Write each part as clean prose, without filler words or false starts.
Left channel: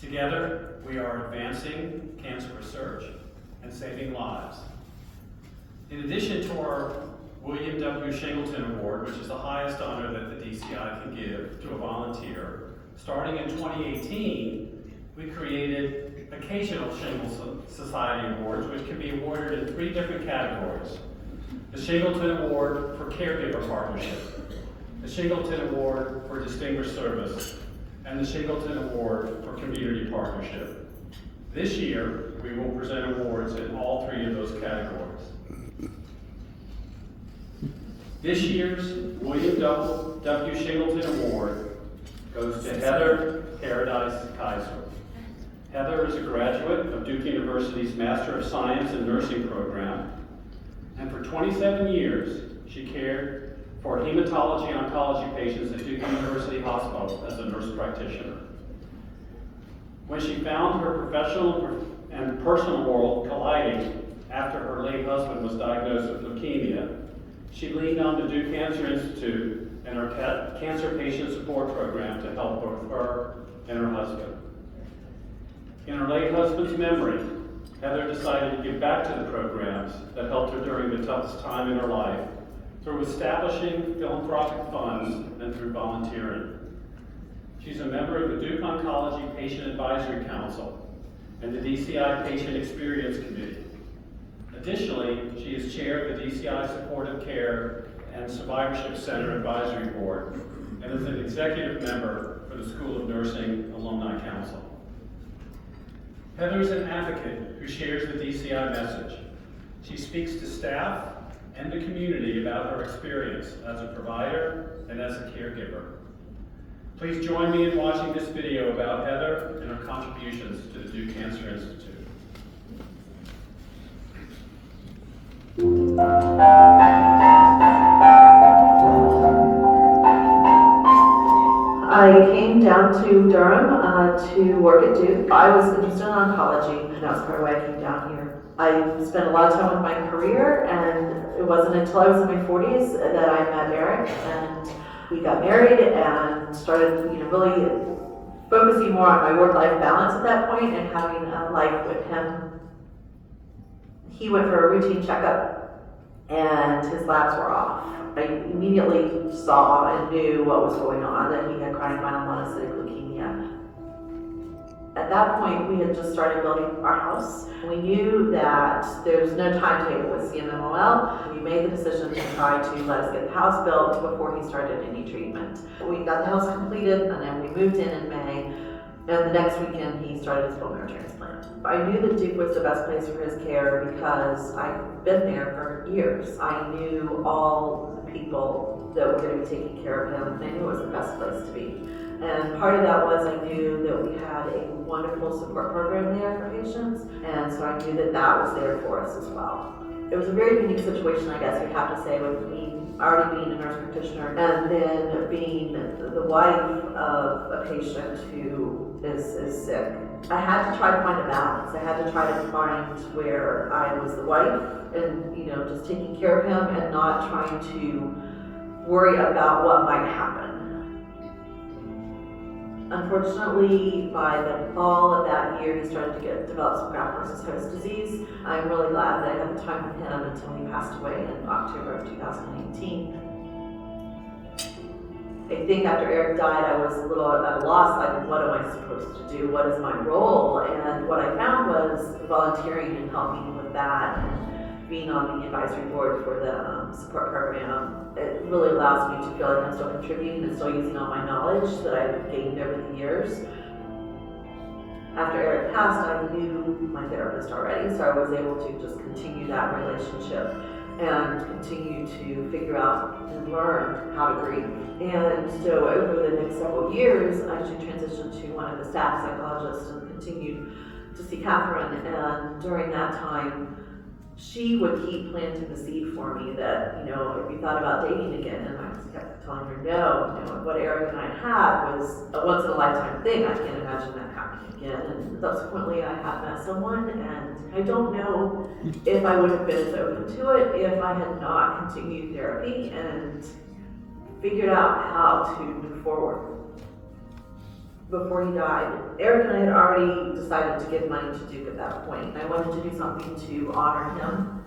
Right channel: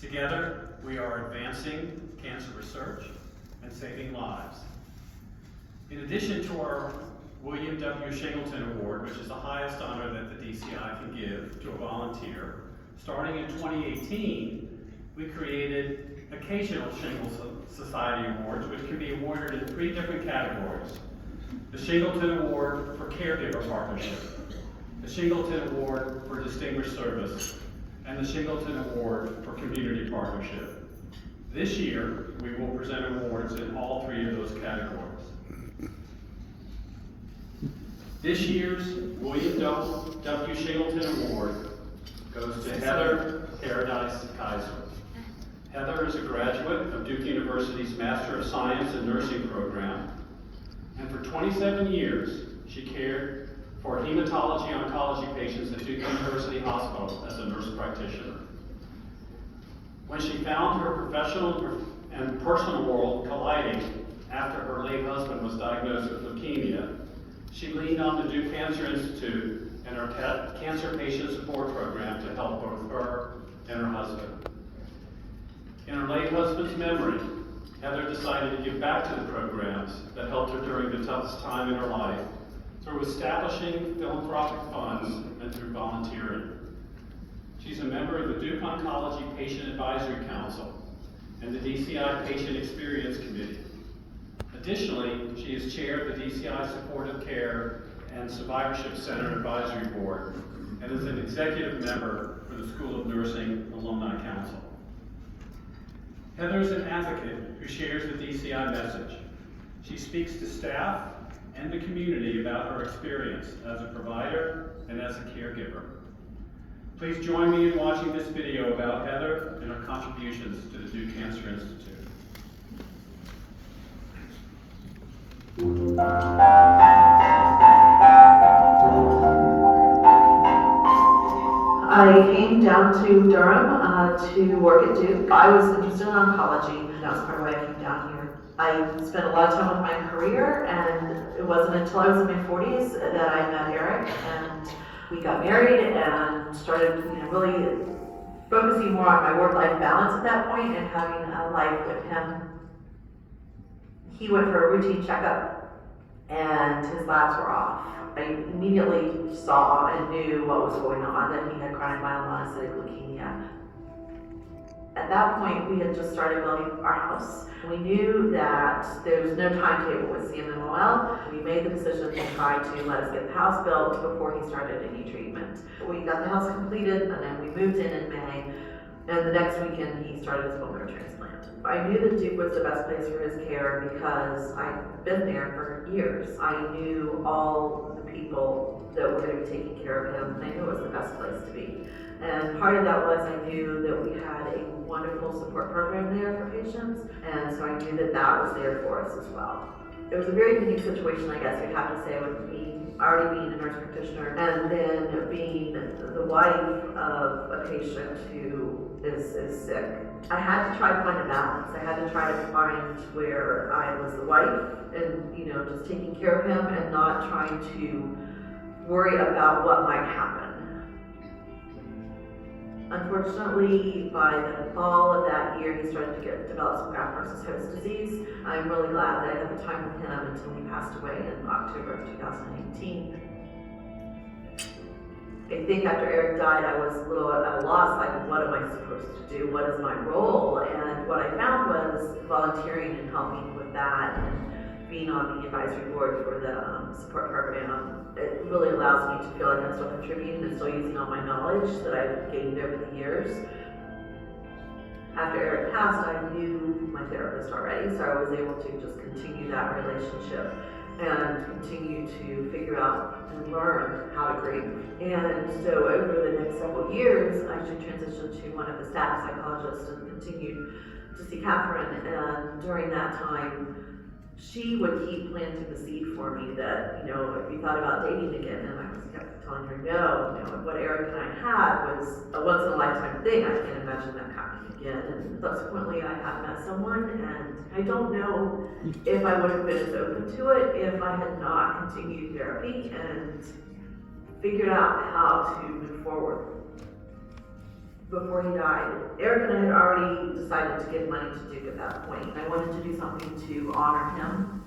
Together, we are advancing cancer research and saving lives. In addition to our William W. Shingleton Award, which is the highest honor that the DCI can give to a volunteer, starting in 2018, we created occasional Shingleton Society Awards, which can be awarded in 3 different categories. The Shingleton Award for Caregiver Partnership, the Shingleton Award for Distinguished Service, and the Shingleton Award for Community Partnership. This year, we will present awards in all 3 of those categories. This year's William W. Shingleton Award goes to Heather Paradise Kaiser. Heather is a graduate of Duke University's Master of Science in Nursing program, and for 27 years, she cared for hematology-oncology patients at Duke University Hospital as a nurse practitioner. When she found her professional and personal world colliding after her late husband was diagnosed with leukemia, she leaned on the Duke Cancer Institute and her cancer patient support program to help both her and her husband. In her late husband's memory, Heather decided to give back to the programs that helped her during the toughest time in her life through establishing philanthropic funds and through volunteering. She's a member of the Duke Oncology Patient Advisory Council and the DCI Patient Experience Committee. Additionally, she is chair of the DCI Supportive Care and Survivorship Center Advisory Board and is an executive member for the School of Nursing Alumni Council. Heather is an advocate who shares the DCI message. She speaks to staff and the community about her experience as a provider and as a caregiver. Please join me in watching this video about Heather and her contributions to the Duke Cancer Institute. I came down to Durham to work at Duke. I was interested in oncology, and that was part of why I came down here. I spent a lot of time with my career, and it wasn't until I was in my 40s that I met Eric, and we got married and started, really focusing more on my work-life balance at that point and having a life with him. He went for a routine checkup, and his labs were off. I immediately saw and knew what was going on, that he had chronic myelomonocytic leukemia. At that point, we had just started building our house. We knew that there was no timetable with CMMOL. We made the decision to try to let us get the house built before he started any treatment. We got the house completed, and then we moved in May. And the next weekend, he started his bone marrow transplant. I knew that Duke was the best place for his care because I'd been there for years. I knew all the people that were going to be taking care of him, and I knew it was the best place to be. And part of that was I knew that we had a wonderful support program there for patients, and so I knew that that was there for us as well. It was a very unique situation, I guess you'd have to say, with me already being a nurse practitioner and then being the wife of a patient who is sick. I had to try to find a balance. I had to try to find where I was the wife and, just taking care of him and not trying to worry about what might happen. Unfortunately, by the fall of that year, he started to develop some graft-versus-host disease. I'm really glad that I had the time with him until he passed away in October of 2018. I think after Eric died, I was a little at a loss, like, what am I supposed to do? What is my role? And what I found was volunteering and helping with that, and being on the advisory board for the support program. It really allows me to feel like I'm still contributing and still using all my knowledge that I've gained over the years. After Eric passed, I knew my therapist already, so I was able to just continue that relationship and continue to figure out and learn how to grieve. And so over the next several years, I actually transitioned to one of the staff psychologists and continued to see Catherine. And during that time, she would keep planting the seed for me that, if you thought about dating again, and I just kept telling her no, what Eric and I had was a once in a lifetime thing. I can't imagine that happening again. And subsequently I had met someone, and I don't know if I would have been as open to it if I had not continued therapy and figured out how to move forward. before he died, Eric and I had already decided to give money to Duke at that point. I wanted to do something to honor him.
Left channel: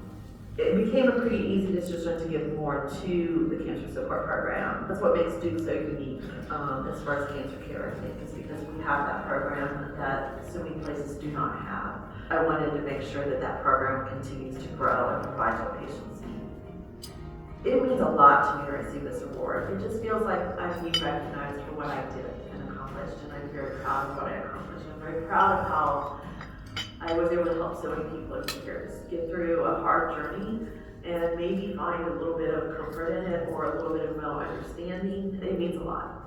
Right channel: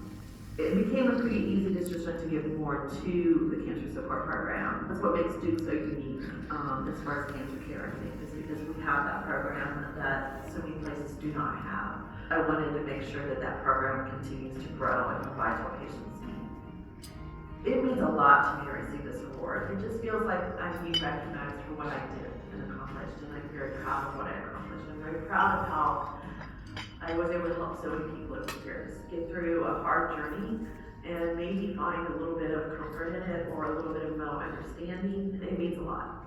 It became a pretty easy decision to give more to the cancer support program. That's what makes Duke so unique, as far as cancer care, I think, is because we have that program that so many places do not have. I wanted to make sure that that program continues to grow and provide what patients need. It means a lot to me to receive this award. It just feels like I'm being recognized for what I did and accomplished, and I'm very proud of what I accomplished. I'm very proud of how I was able to help so many people over the years get through a hard journey and maybe find a little bit of comfort in it or a little bit of mental understanding. It means a lot.